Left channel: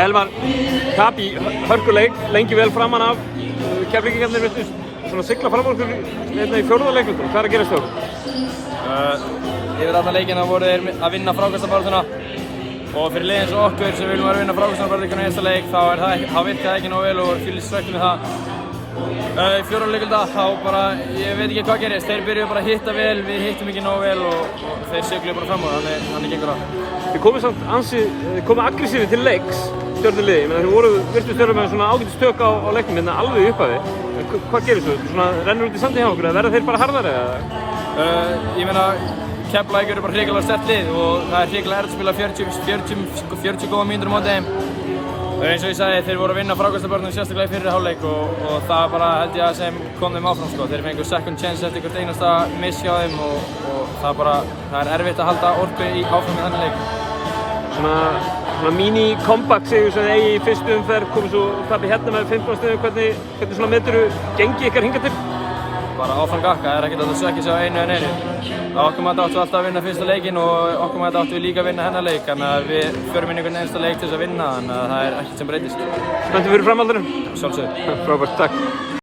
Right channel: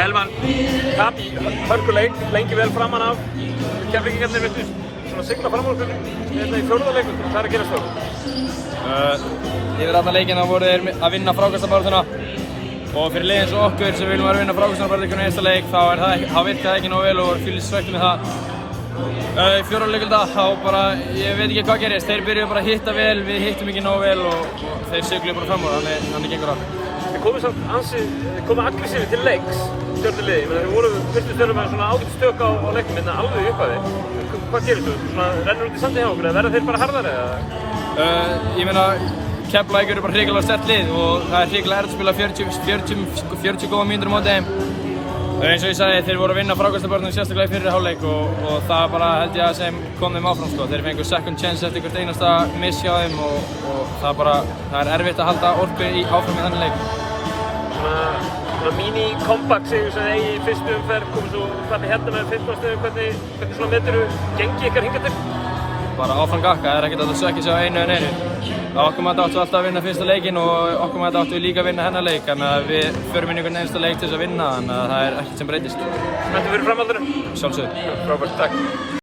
Elvar. Tap í hörkuleik, lengi vel framan af. Keflvíkingarnir viltu svona sigla fram okkur í fjórða leikum. Hvað er að gerast þau? Yfir allan leikina voru þeir að vinna frákastabaráttuna og fyrir liðin eins og okkur sem viljum að vinna frákastabaráttuna í næsta leik þá virkaði það ekki nógu vel og fylgist svekkt með það. Í fjórða leikulda þá bara, ég veit ekki hvað gerist, þeir byrjuðu bara að hitta vel, við hittum ekki nógu vel og þeir sigluðu bara fram úr, þannig gengur það. Þið komið aggressífi til leiks, Stjörnuliðin, en þið virtust vera með svona ágætstök á leiknum hérna alveg í upphafi. Hvað gerist þau? Svona rennur þetta í sandi hjá okkur eða verða þeir bara harðari eða? Ég meina, Keflavík eru bara hrikalega sterkt lið og það er hrikalega erfitt að spila 40 góða mínútur á móti þeim. Eins og ég sagði, þeir voru að vinna frákastabaráttuna sérstaklega í fyrri hálfleik og það bara held ég að sem kom þeim áfram sko. Þeir fengu second chance eftir hvert einasta miss hjá þeim og það er erfitt að halda orku áfram í þannig leik. Svona mini-comeback sigur sem eigi í fyrstu umferð, komið svo tapið hérna með 15 stigum, hvernig svona meturðu gengi ykkar hingað til? Bara áfram gakka, það er ekkert að sökkja sig á einu en einu. Okkur maður áttu alltaf að vinna fyrsta leikinn og okkur maður áttu líka að vinna hennar leik, þannig að við förum inn í einhvern einasta leik til þess að vinna, þannig að það er ekkert sem breytist. Spenntur fyrir framhaldinu? Sjálfsögðu. Robert, takk.